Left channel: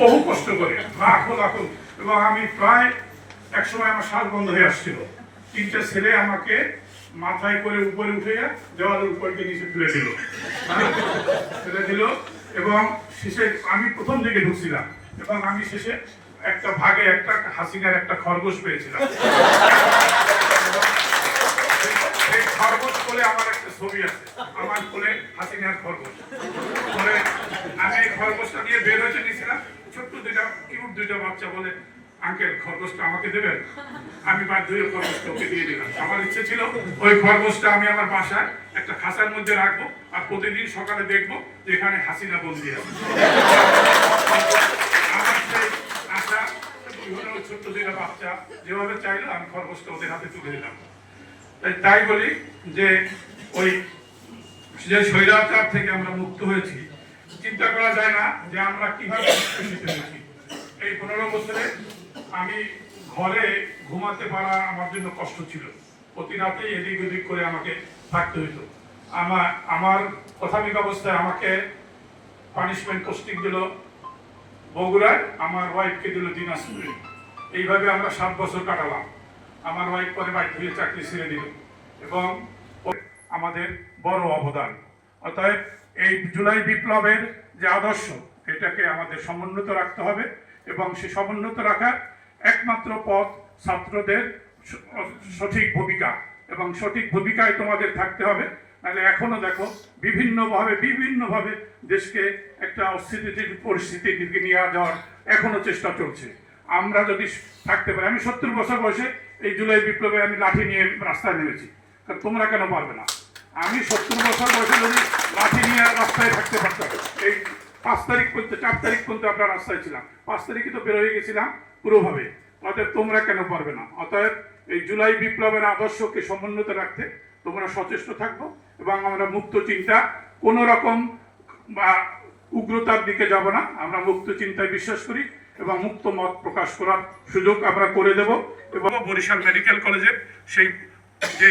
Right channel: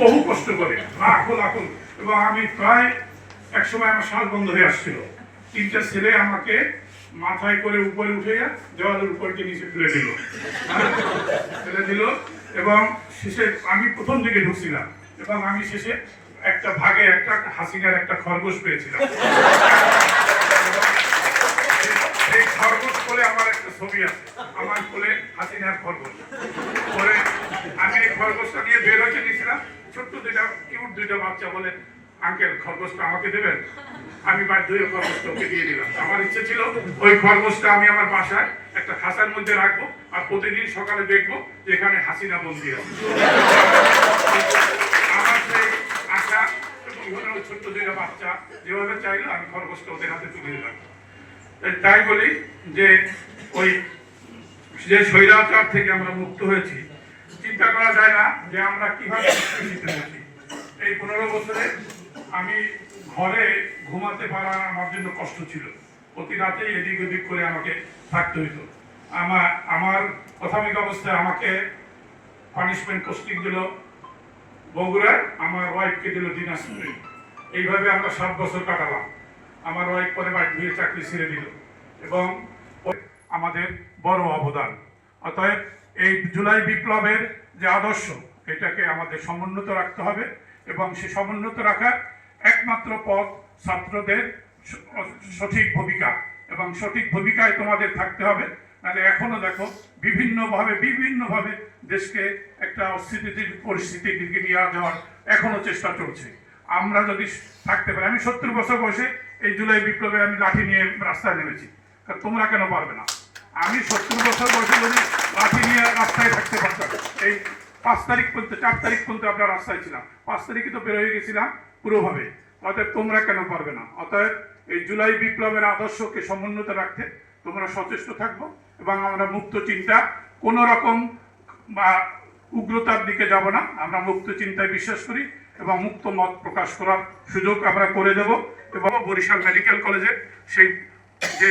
বহু কষ্ট করে লাখো লাখো, এবং আমি প্রায় একসময় আমার শ্বাস বন্ধ হয়ে আসছিল। তিনটা ছেলে আমাকে মাথায় করে উপরে উঠে দেওয়ালের উপর দিয়ে নিচে ফেলে দিল এবং শেষে আমি প্রথম দিকে ঢুকছিলাম এবং আমি শেষে একটা ভাগে একটা হাসিনার একটা খরগোশ পেয়েছিলাম। এই খরগোশ বলে আমার একটা ছবি আছে, আমার কোলে হাসিনার খরগোশ। পরে আমি এই খরগোশটা নিয়ে বের হয়ে নিয়েছিলাম, ছোট্ট দুইটা বাচ্চা বলে আঙ্কেল খরগোশটা আমাকে দেবেন। আমি বাধ্য হয়ে খরগোশটা ওকে দিয়ে দিলাম। আমার ইচ্ছে ছিল ওই খরগোশটা আমি আমার বাসায় একটা খাঁচার মধ্যে রাখবো আর প্রতিদিন সকালে দেখবো যে এখানে হাসিনা বন্দি আছে। আমার সেই আশা ওই ছোট্ট দুইটা বাচ্চা যেভাবে চাইলো আমি খরগোশটা ওদের হাতে তুলে দিলাম। তাই বলি যে ওই যে স্বৈরাচার থেকে আমরা মুক্ত হয়েছি, চিন্তা করা যায় না যে আমরা কিভাবে নিষ্পেষিত হয়েছি। এই 15 বছরে আমি ঘরে ঘুমাতে পারা আমার জন্য কষ্ট ছিল। প্রতি রাতেই এদিক ওদিক করে আমাকে থাকতে হইতো। আমার প্রাথমিক অবস্থায় আমাকে পানিশমেন্ট পোস্টিং দিল বগুড়ায়, আমার ওয়াইফকে দিল দিনাজপুরে। এইভাবে আমরা 7 বছর কাটালাম। আমার ওয়াইফ পরে বাড়ি ধুয়ে চাকরি ছেড়ে দিল এবং আমাদের বড় অবদান। অতএব এই জুলাই বিপ্লবের যে আদর্শ, এটাকে আমাদের সমুন্নত রাখতে হবে এবং সেই সমুন্নত রাখার একমাত্র পথ ছাত্রদের সঠিক ভূমিকা, এবং সঠিক ভূমিকায় তোমাদের থাকতে হবে। নাহলে এখনো দেখো বিভিন্নভাবে দেশকে একটা অস্থিতিশীল পরিস্থিতির দিকে নিয়ে যাওয়ার এখনো চেষ্টা চলছে। আমরা যদি থাকতে পারি, আমি 70 বছর বয়সে এই জুলাই বিপ্লবে আমি লাঠি নিয়ে রাস্তায় নেমেছি, কারণ তোমরা কেন পারবে না? আমি 70 বছর বয়সে যদি লাঠি নিয়ে রাস্তায় থাকতে পারতাম, এই 5 তারিখ পর্যন্ত 4 তারিখ পর্যন্ত আমরা রাস্তায় ছিলাম, 5 তারিখে তো বের হয়ে গেছিলাম পুরোভাবে। অতএব তোমরা কেন পারবে না? অতএব এই জুলাই বিপ্লবের আদর্শকে সমুন্নত রাখতে তোমরা সচেষ্ট থাকবো এবং আমরা মুক্ত চিন্তা, কোনো রকম বা উগ্রতার দিকে যাব না। আমরা মুক্ত চিন্তায় বিশ্বাস করি এবং মুক্ত মত প্রকাশ করার সুযোগ আমরা করে দেব। এবং বরিশাল মেডিকেল কলেজের সেই যে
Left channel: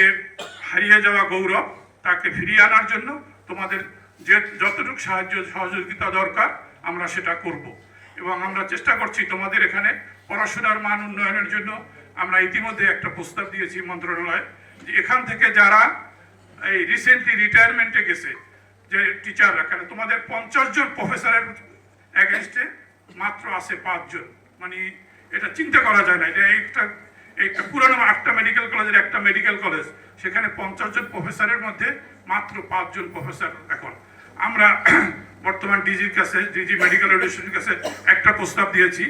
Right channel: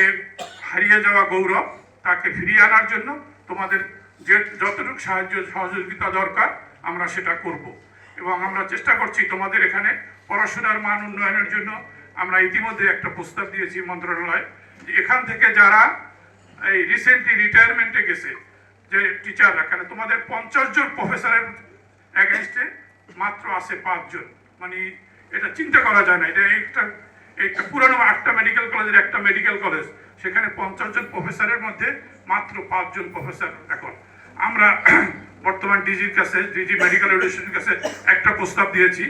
হারিয়ে যাওয়া গৌরব, তাকে ফিরিয়ে আনার জন্য তোমাদের যে যতটুকু সাহায্য সহযোগিতা দরকার আমরা সেটা করব। এবং আমরা চেষ্টা করছি তোমাদের এখানে পড়াশোনার মান উন্নয়নের জন্য। আমরা ইতিমধ্যে একটা প্রস্তাব দিয়েছি মন্ত্রণালয়ে, যে এখান থেকে যারা এই রিসেন্টলি রিটায়ারমেন্টে গেছে যে টিচাররা, কেন তোমাদের 50 জন প্রফেসরের এগেনস্টে মাত্র আছে 5 জন। মানে এটা চিন্তা করা যায় না। এটা একটা পুরনো 8টা মেডিকেল কলেজের একটা মেডিকেল কলেজ, সেখানে 50 জন প্রফেসরের মধ্যে মাত্র 5 জন প্রফেসর। এখন আমরা বর্তমান ডিজি মেডিকেল এডুকেশনের কাছে একটা প্রস্তাব দিয়েছি।